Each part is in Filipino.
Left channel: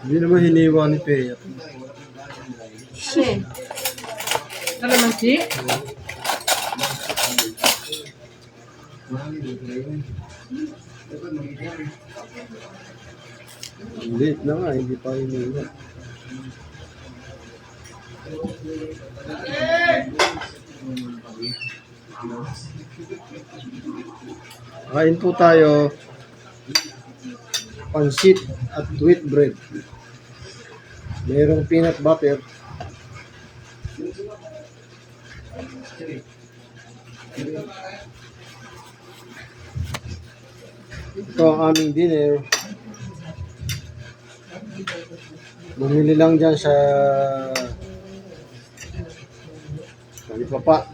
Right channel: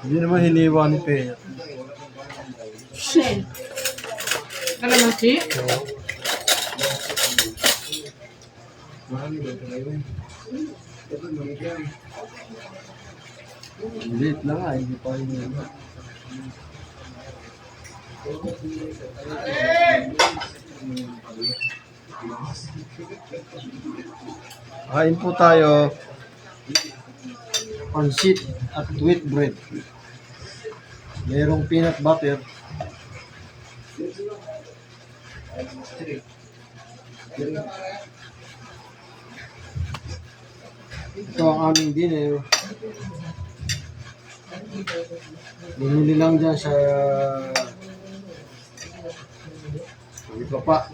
Hindi naman hiniwa ni Pea. Alin? Kalamansi? Late na nga, hindi pa hiniwa. Kain po tayo. Pansit at wheat bread. Mayroong peanut butter. Ito ang aming dinner. Bumili lang dyan sa Papa.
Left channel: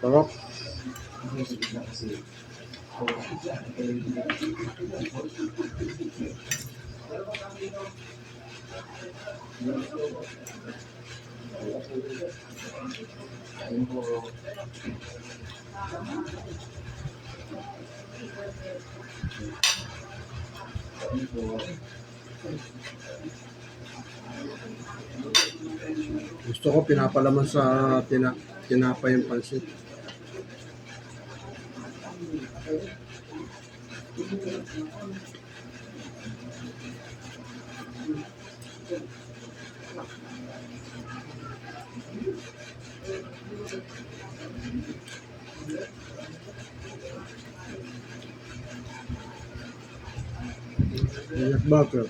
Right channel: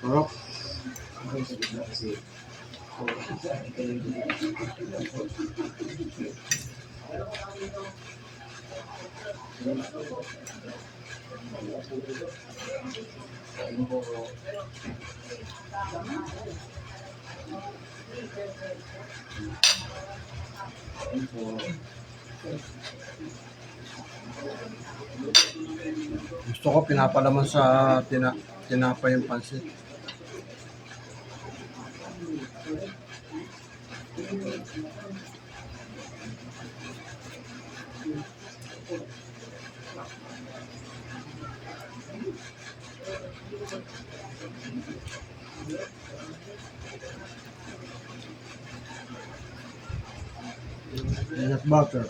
Sarap. Gusto ko pinapalaman sa tinapay yung pansit. Peanut butter.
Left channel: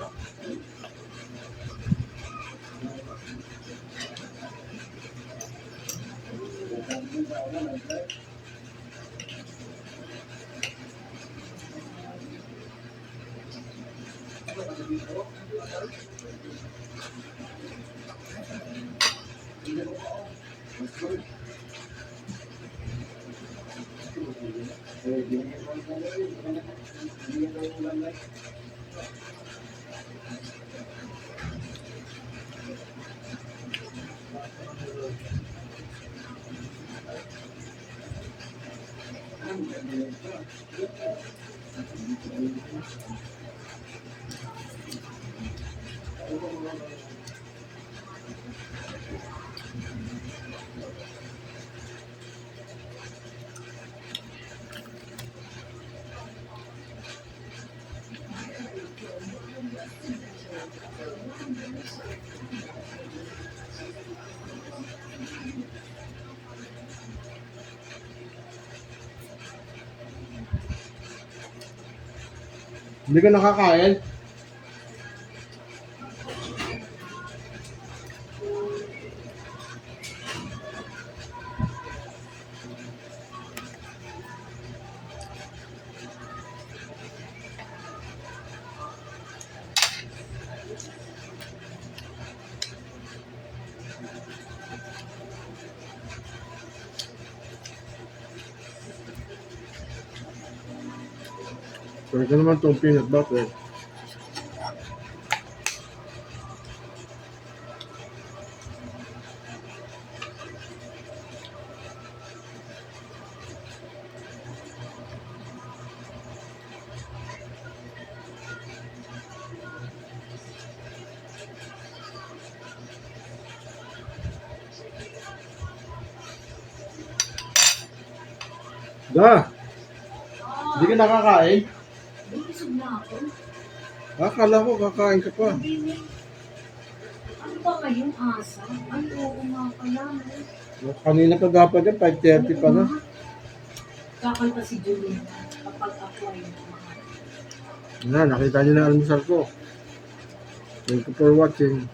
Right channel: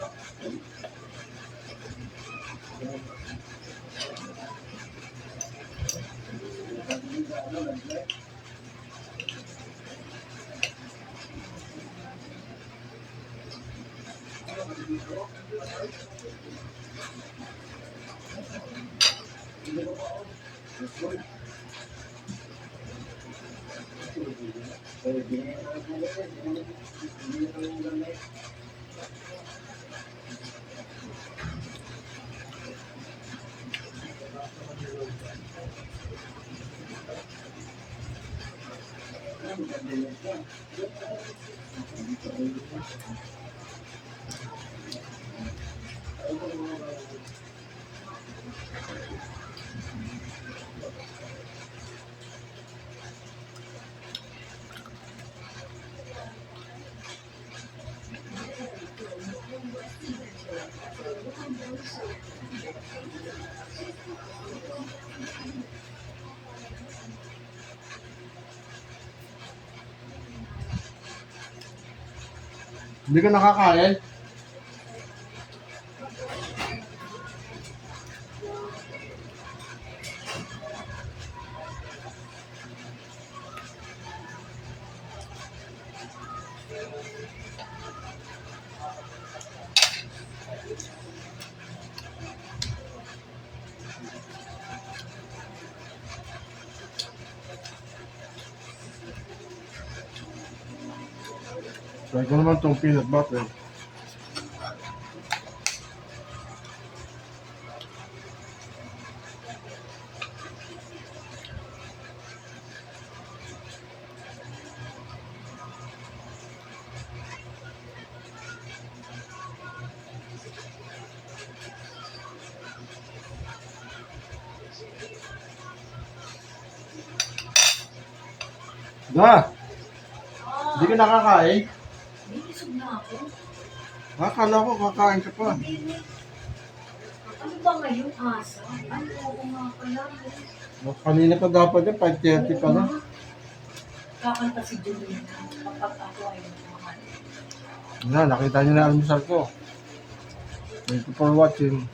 Hindi ka nakakain? Try ko naman itong peanut butter. Da! Hindi ka nakakain? Busog na ako. Akala ko kakain ka pa. Hindi. Ano ba ngayon, asa? Ano ko nga pala? Kanina pa dapat yan, 5:30 pa na. Kakanta si Julie kapag ako ay kumakain. Nakita niyo na almusal ko. Thank you for watching.